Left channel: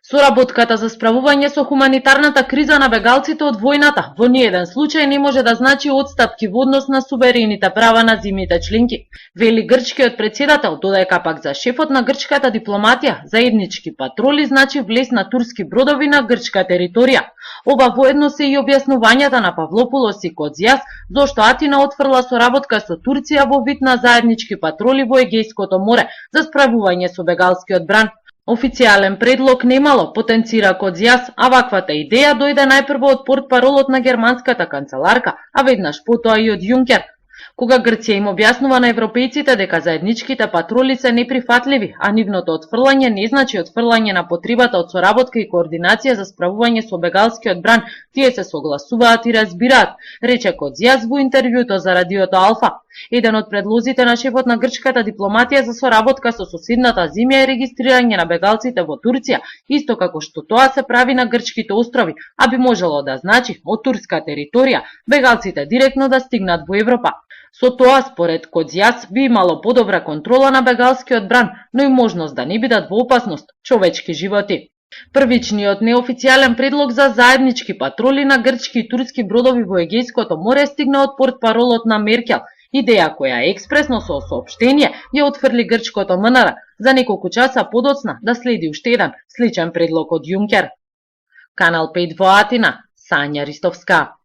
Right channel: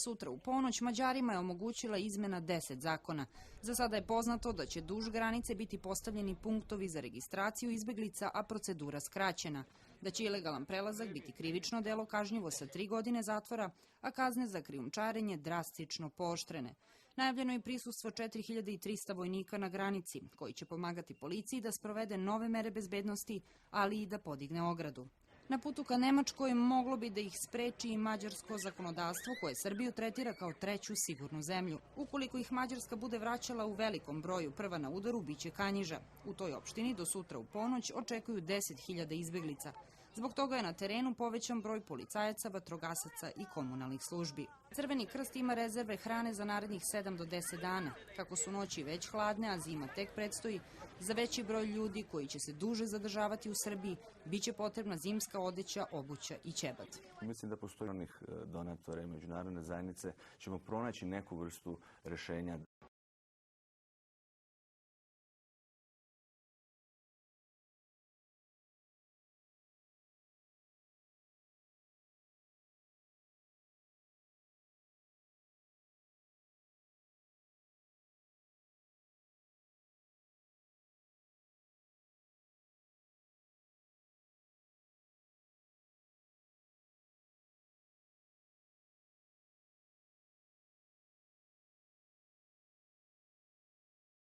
Соработката за справување со хуманитарната криза на бегалците од војната во ниеден случај не може да значи отстапки во однос на суверените права на земјите членки, вели грчкиот претседател, додека пак за шефот на грчката дипломатија заеднички патроли значи влез на турски бродови на грчка територија. Ова воедно се и објаснувањата на Павлопулос и Кодзиас зошто Атина отфрла соработка со Турција во вид на заеднички патроли во Егејското море за справување со бегалскиот бран. Официјален предлог немало, потенцира Кодзиас, а ваквата идеја дојде најпрво од портпаролот на германската канцеларка, а веднаш потоа и од Јункер. Кога Грција им објаснува на европејците дека заедничките патроли се неприфатливи, а нивното отфрлање не значи отфрлање на потребата од соработка и координација за справување со бегалскиот бран, тие се согласуваат и разбираат, рече Кодзиас во интервјуто за радиото Алфа. Еден од предлозите на шефот на грчката дипломатија за соработка со соседната земја е регистрирање на бегалците во Турција, исто како што тоа се прави на грчките острови, а би можело да значи од турска територија бегалците директно да стигнат во Европа. Со тоа, според Кодзиас, би имало подобра контрола на бегалскиот бран, но и можност да не бидат во опасност човечки животи. Првичниот неофицијален предлог за заеднички патроли на грчки и турски бродови во Егејското море стигна од портпаролот на Меркел, идеја која експресно со соопштение ја отфрли грчкото МНР за неколку часа подоцна да следи уште еден сличен предлог од Јункер. Канал 5 во Атина, Сања Ристовска.